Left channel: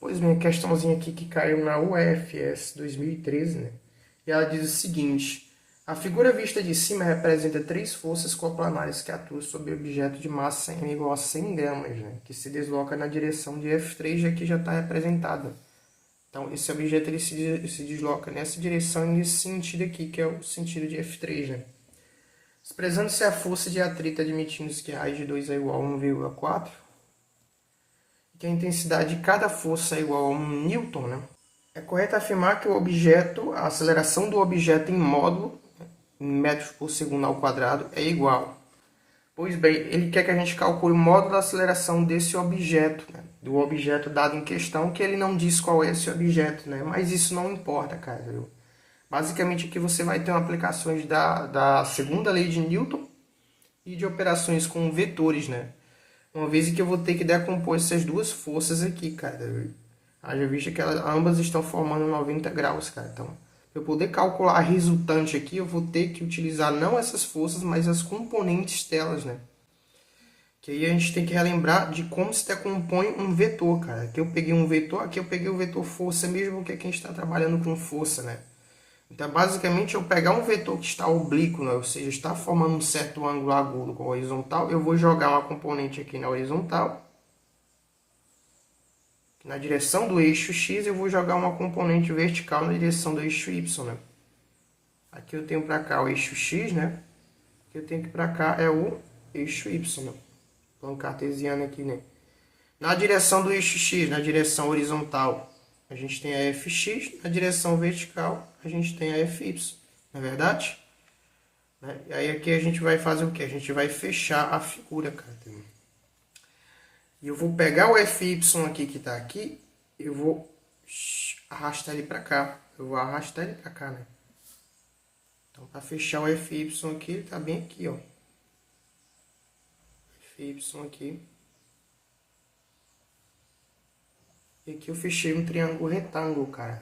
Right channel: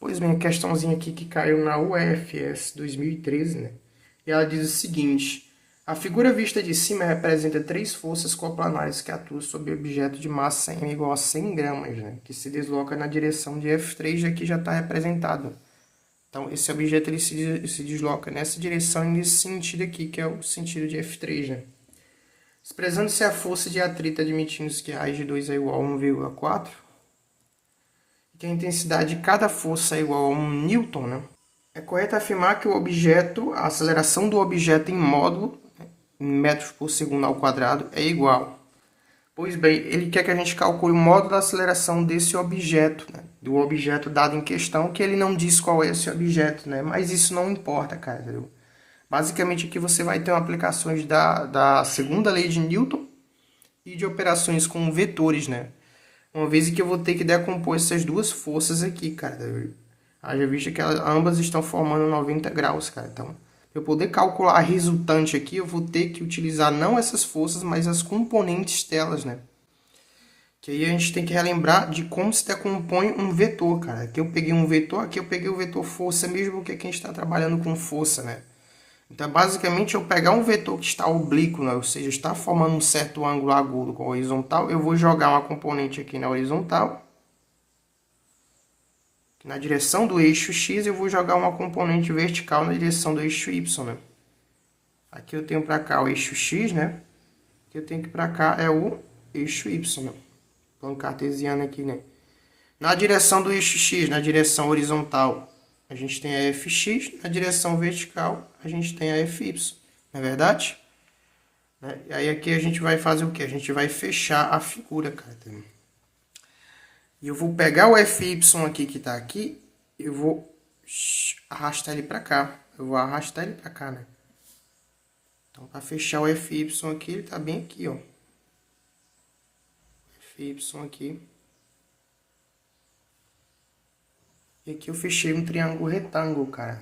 Pois bem, a questãozinha aqui que caiu na UFS 2013, né? E ela diz o seguinte: a figura vista de cima representa três forças coplanares que atuam sobre o objeto de massa m igual a 100 gramas, né? Que se desloca na direção de F3, aqui já está representado. Então, esse objeto ele se desloca nessa direção e nesse sentido aqui, que é o sentido de F3, né? Expressando-se a força de atrito admitindo que a raiz de 2 é igual a 1,4, que a intensidade de cada força é igual a 1 newton, né? É correto afirmar que o objeto, a aceleração do objeto em módulo, em metros por segundo ao quadrado, é igual. Pois bem, ele quer que a gente calcule o módulo da aceleração desse objeto, né? Do objeto dado em questão, que ele não diz qual é esse objeto, né? Mas isso não importa, cara, viu? Basicamente aqui você vai ter aplicações da segunda lei de Newton e de operações com vetores, né? Uma vez que eu vou ter que decompor essas duas forças aqui, cara. Haja vista que ambas estão formando 90 graus, cara. Então, para eu poder calcular a resultante aqui, eu vou ter que utilizar não essas forças, mas as componentes delas, né? Que aí a gente tem que relembrar de como se decompõe um vetor, cara. Aqui eu peguei um vetor, aqui eu peguei o vetor força, mesmo que aqui a gente está trabalhando com força, né? Então, basicamente, eu pegar um vetor que está oblíquo, né? Ou seja, está formando um certo ângulo agudo com a horizontal, eu vou jogar uma componente aqui na horizontal. Na direção do eixo X, eu vou jogar uma componente vertical na direção do eixo Y, né? Aqui eu tenho para cá o eixo X, né? Aqui eu tenho que para cá é o eixo Y, né? Plano cartesiano aqui, né? Na direção do eixo X, na direção horizontal, a gente tem a Fx. Na direção vertical, a gente tem a Fy. Não é verdade? E aí aqui a gente vai fazer o quê? A gente vai fechar a figura, cara. E eu vou pegar o Fy aqui que está aqui, eu vou arrastar ele para cá. Eu vou arrastar ele para cá, né? Então, para fechar o Fy aqui, ele está bem aqui, ó. Fy aqui. E aqui eu fechei um triângulo retângulo, cara.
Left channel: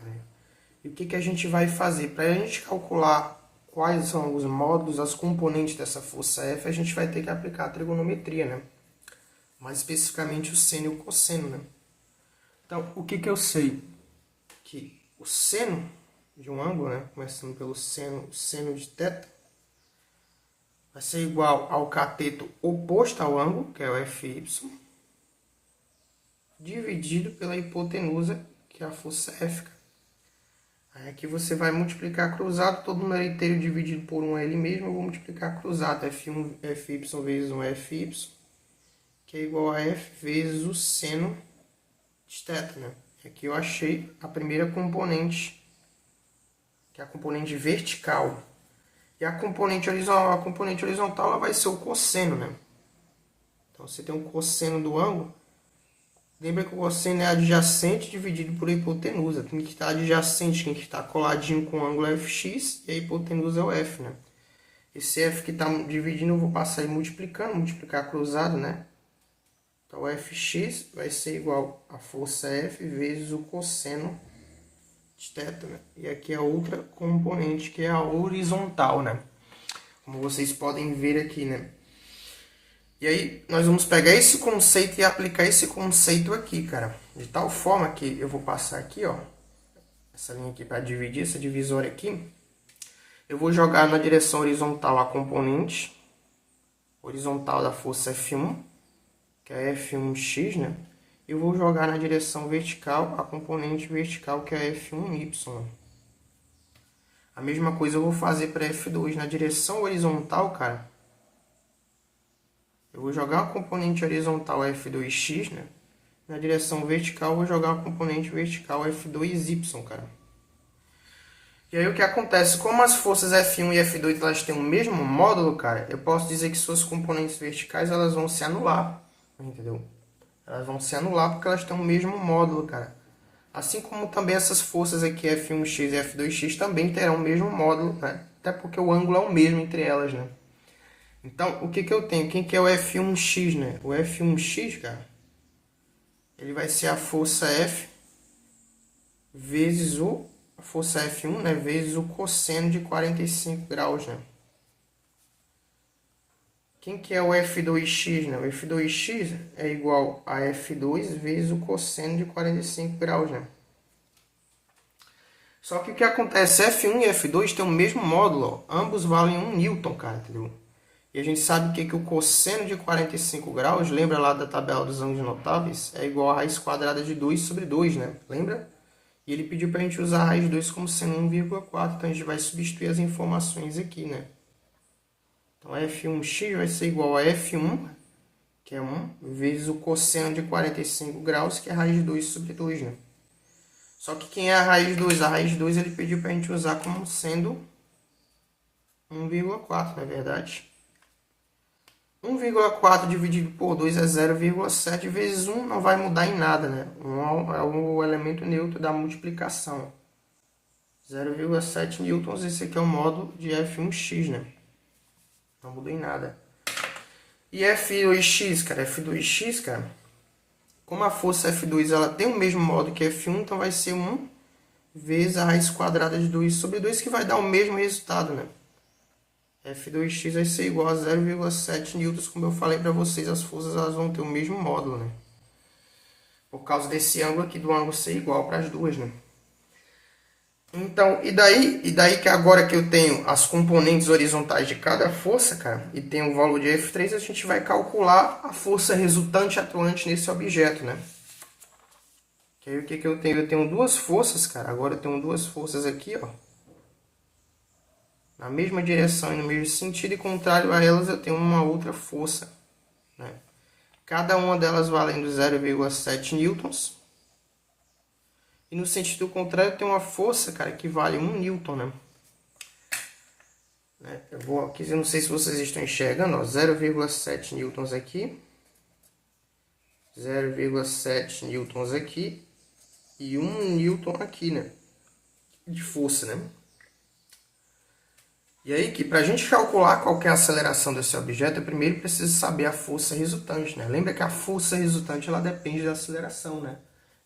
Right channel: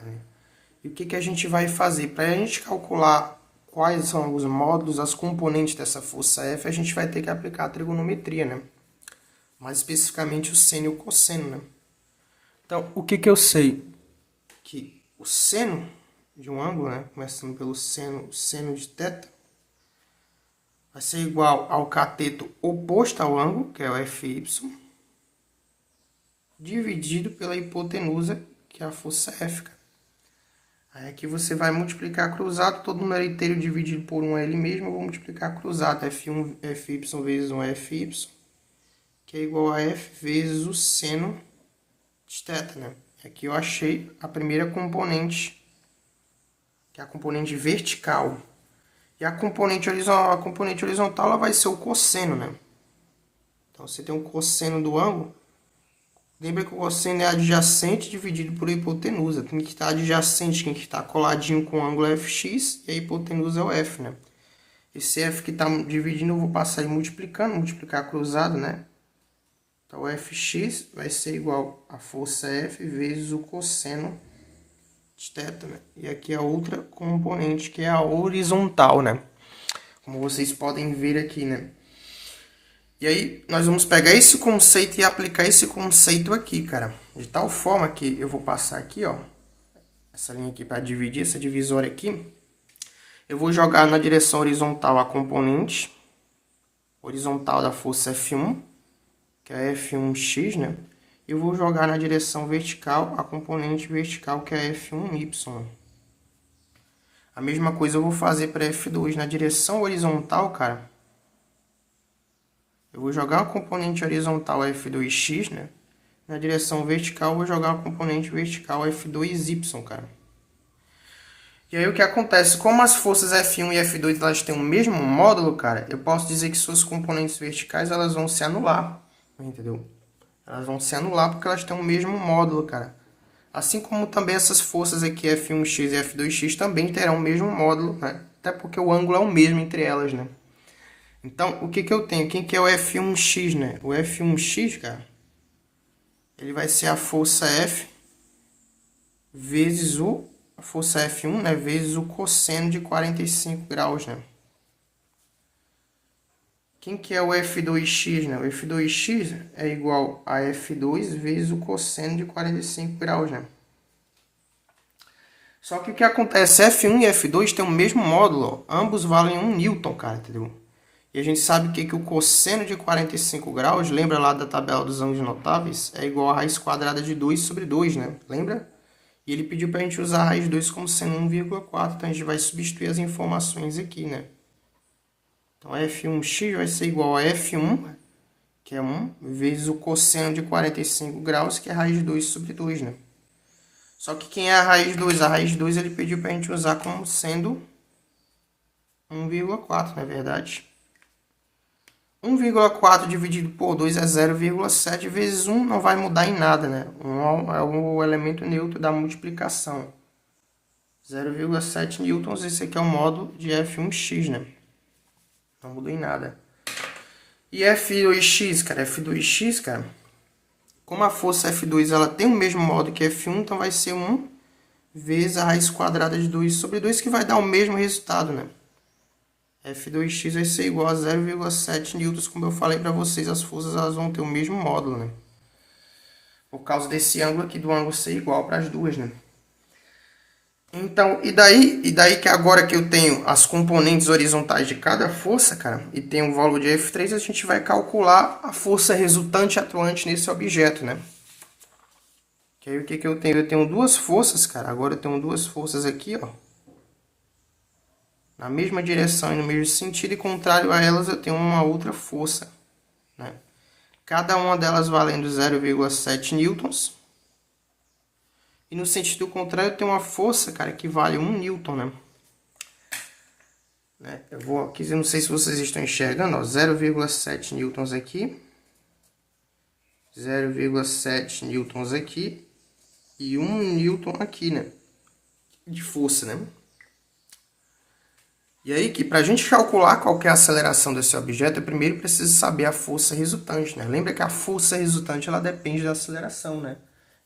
E o que a gente vai fazer? Para a gente calcular quais são os módulos, as componentes dessa força F, a gente vai ter que aplicar a trigonometria, né? Mais especificamente o seno e o cosseno, né? Então, o que eu sei? Que o seno de um ângulo, né? Começando pelo seno de θ, vai ser igual ao cateto oposto ao ângulo, que é o Fy, dividido pela hipotenusa, que é a força F. Aí aqui você vai multiplicar cruzado, todo número inteiro dividido por 1 é ele mesmo, eu vou multiplicar cruzado, F1, Fy vezes 1 é Fy, que é igual a F vezes o seno de θ, né? Aqui eu achei a primeira componente, que é a componente vertical. E a componente horizontal ela vai ser o cosseno, né? Então, você tem um cosseno do ângulo. Lembra que o cosseno é adjacente dividido por hipotenusa. Tem que estar adjacente, tem que estar coladinho com o ângulo Fx, e a hipotenusa é o F, né? Esse F que está dividindo, eu vou passar aí multiplicando, multiplicar cruzado, né? Então, o Fx vai ser igual a força F vezes o cosseno de θ, né? E aqui a outra componente, que é a horizontal, né? Como vocês podem ver aqui, né? E aí, nós vamos pegar esse conceito e aplicar esse conceito aqui, cara. De tal forma que eu vou passar aqui, ó. Essa linha aqui para dividir, essa divisória aqui. Eu vou jogar na direção horizontal a componente horizontal da força F1, que é F1x, né? E eu vou jogar na direção vertical a componente vertical, que é F1y. A mesma coisa eu vou fazer para F2. Na direção horizontal, cara, eu vou jogar uma componente horizontal F2x, né? Na direção vertical, eu vou jogar uma componente vertical F2y, cara. E aí o que acontece? Como as forças F1 e F2 elas têm o mesmo módulo, cara, eu posso dizer que suas componentes verticais elas vão se anular, entendeu? Elas vão se anular porque elas têm o mesmo módulo, cara. Assim como também essas forças aqui, F1x e F2x, também terão o mesmo módulo, né? Até porque o ângulo é o mesmo entre elas, né? Então, o que eu tenho? Quem que é o F1x, né? O F1x, cara, ele vai ser a força F vezes a força F1, né? Vezes o cosseno de 45 graus, né? Quem que é o F2x, né? O F2x é igual a F2 vezes o cosseno de 45 graus, né? Só que o que acontece? F1 e F2 têm o mesmo módulo, ó. Ambos valem 1 newton, cara, entendeu? E a gente sabe que o cosseno de 45 graus, lembra lá da tabela dos ângulos notáveis, é igual a raiz quadrada de 2 sobre 2, né? Lembra? E ele pediu para a gente usar a raiz de 2 como sendo 1,4, então a gente vai substituir as informações aqui, né? Então, F1x vai ser igual a F1, que é 1, vezes o cosseno de 45 graus, que é a raiz de 2 sobre 2, né? Só que quem é a raiz de 2? A raiz de 2 ele pediu para a gente usar como sendo 1,4, não é verdade? 1,4 dividido por 2 é 0,7 vezes 1 não vai mudar em nada, né? 1 é o elemento neutro da multiplicação. 0,7 newtons, esse aqui é o módulo de F1x, né? Não mudou em nada. E F2x, cara, como a força F2 ela tem o mesmo módulo que F1, então vai ser 1 vezes a raiz quadrada de 2 sobre 2, que vai dar o mesmo resultado, né? F2x vai ser igual a 0,7 newtons, como eu falei para vocês, as forças elas vão ter o mesmo módulo, né? Por causa desse ângulo aqui, do ângulo ser igual para as duas, né? Então, e daí que agora que eu tenho as componentes horizontais de cada força, cara, e tenho o valor de F3, a gente vai calcular a força resultante atuante nesse objeto, né? Que aí o que eu tenho? Eu tenho duas forças, cara. Agora eu tenho duas forças aqui, ó. Na mesma direção e no mesmo sentido, e contrário a elas eu tenho uma outra força, né? Cada uma delas valendo 0,7 newtons. E no sentido contrário, eu tenho uma força, cara, que vale 1 newton, né? Eu vou aqui, eu não sei se vocês estão enxergando, ó, 0,7 newtons aqui, 0,7 newtons aqui e 1 newton aqui, né? De força, né? E aí que para a gente calcular qual que é a aceleração desse objeto, eu primeiro preciso saber a força resultante, né? Lembra que a força resultante ela depende da aceleração, né?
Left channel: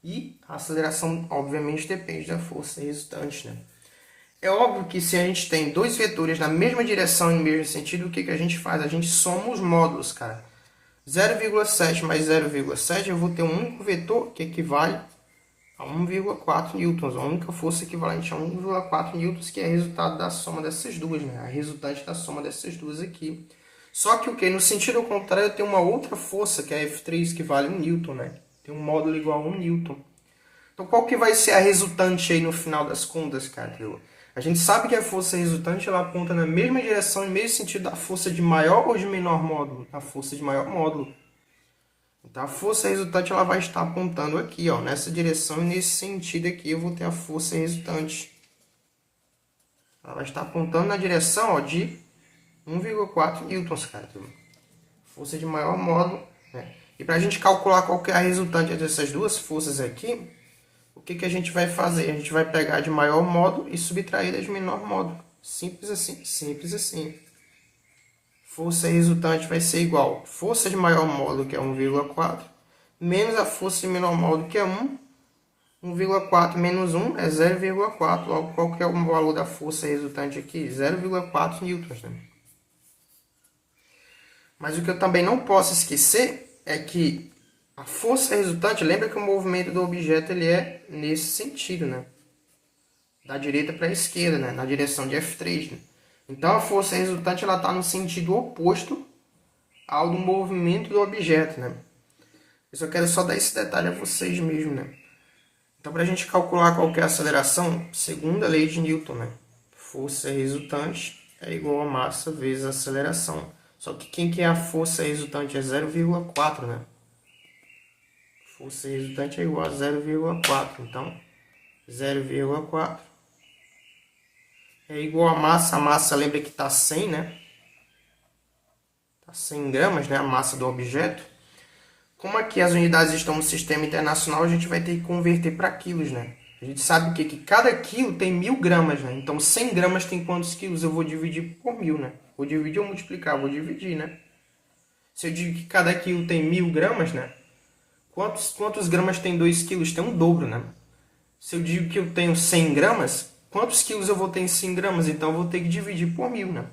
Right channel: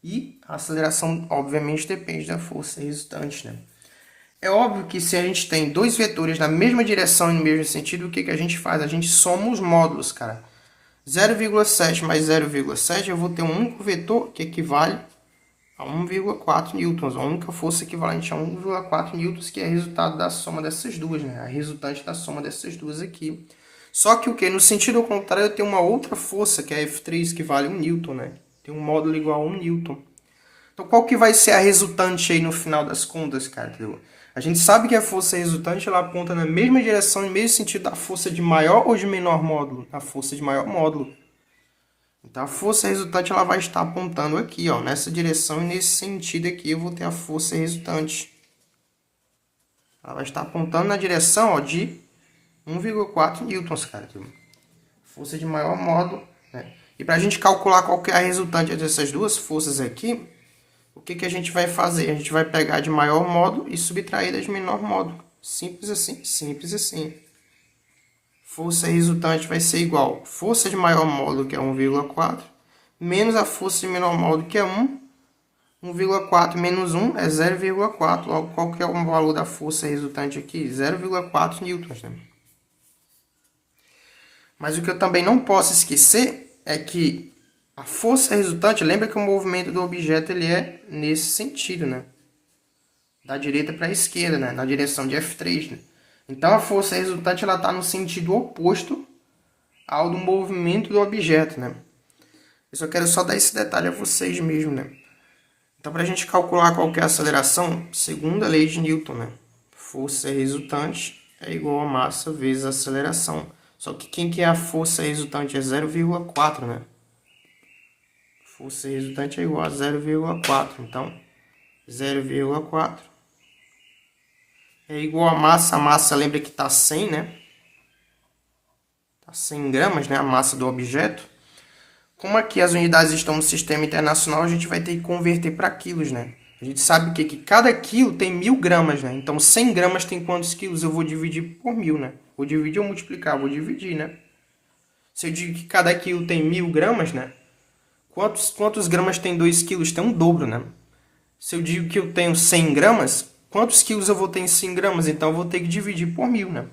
E a aceleração, obviamente, depende da força resultante, né? É óbvio que se a gente tem dois vetores na mesma direção e no mesmo sentido, o que a gente faz? A gente soma os módulos, cara. 0,7 mais 0,7, eu vou ter um único vetor que equivale a 1,4 newtons. A única força equivalente a 1,4 newtons, que é resultado da soma dessas duas, né? A resultante da soma dessas duas aqui. Só que o que? No sentido contrário, eu tenho uma outra força, que é a F3, que vale 1 newton, né? Tem um módulo igual a 1 newton. Então, qual que vai ser a resultante aí no final das contas, cara? A gente sabe que a força resultante ela aponta na mesma direção, no mesmo sentido da força de maior ou de menor módulo? A força de maior módulo. Então, a força resultante ela vai estar apontando aqui, ó, nessa direção e nesse sentido aqui eu vou ter a força resultante. Ela vai estar apontando na direção, ó, de 1,4 newtons, cara. Força de maior módulo, né? E para a gente calcular qual que é a resultante dessas duas forças aqui, o que a gente vai fazer? A gente vai pegar de maior módulo e subtrair da de menor módulo. Simples assim, simples assim. Força resultante vai ser igual a força de maior módulo, que é 1,4, menos a força de menor módulo, que é 1. 1,4 menos 1 é 0,4. Logo, qual que é o valor da força resultante aqui? 0,4 newtons, né? Mas o que eu também não posso esquecer é que a força resultante, lembra que o movimento do objeto ele é nesse sentido, né? Da direita para a esquerda, né? Na direção de F3, né? Então, a força resultante ela está no sentido oposto ao do movimento do objeto, né? Eu só quero dar esse detalhe a vocês mesmo, né? Então, para a gente calcular qual que é a aceleração, segundo a lei de Newton, né? Força resultante é igual a massa vezes a aceleração. Só que quem que é a força resultante? É 0,4, né? Força resultante é igual a 0,4. Então, 0,4 é igual a massa. A massa, lembra que está 100, né? Está 100 gramas, né? A massa do objeto. Como aqui as unidades estão no sistema internacional, a gente vai ter que converter para quilos, né? A gente sabe que cada quilo tem 1000 gramas, né? Então, 100 gramas tem quantos quilos? Eu vou dividir por 1000, né? Vou dividir ou multiplicar? Vou dividir, né? Se eu digo que cada quilo tem 1000 gramas, né? Quantos gramas tem 2 quilos? Tem um dobro, né? Se eu digo que eu tenho 100 gramas, quantos quilos eu vou ter em 100 gramas? Então, eu vou ter que dividir por 1000, né?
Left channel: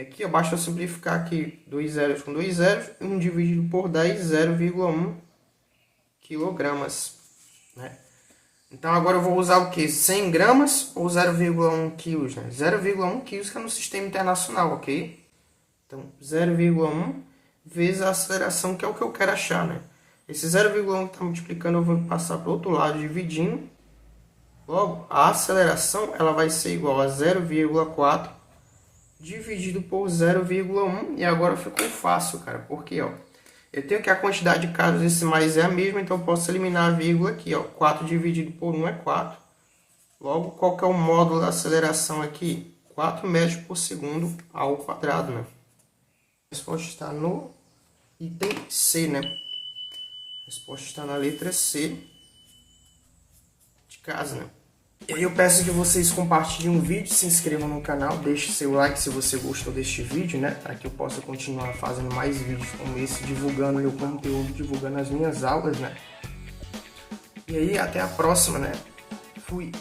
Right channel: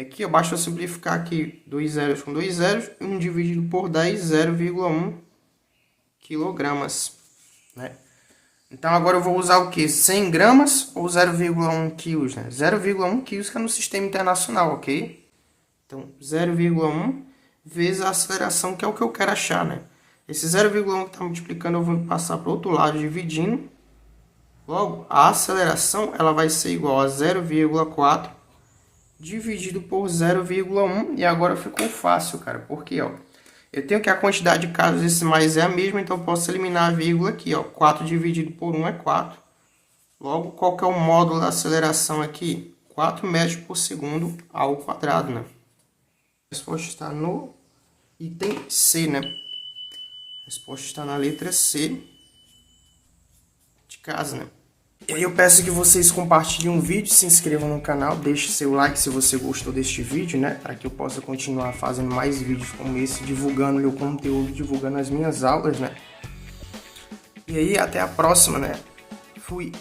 Aqui, ó, basta eu simplificar aqui 2 zeros com 2 zeros, 1 dividido por 10, 0,1 quilogramas, né? Então, agora eu vou usar o quê? 100 gramas ou 0,1 quilos, né? 0,1 quilos que é no sistema internacional, ok? Então, 0,1 vezes a aceleração, que é o que eu quero achar, né? Esse 0,1 que está multiplicando, eu vou passar para o outro lado, dividindo. Logo, a aceleração ela vai ser igual a 0,4 dividido por 0,1. E agora ficou fácil, cara. Porque, ó, eu tenho que a quantidade de casos decimais é a mesma, então eu posso eliminar a vírgula aqui, ó. 4 dividido por 1 é 4. Logo, qual que é o módulo da aceleração aqui? 4 metros por segundo ao quadrado, né? A resposta está no item C, né? A resposta está na letra C de casa, né? E aí eu peço que vocês compartilhem o vídeo, se inscrevam no canal, deixe seu like se você gostou deste vídeo, né? Para que eu possa continuar fazendo mais vídeos como esse, divulgando meu conteúdo, divulgando as minhas aulas, né? E aí, até a próxima, né? Fui!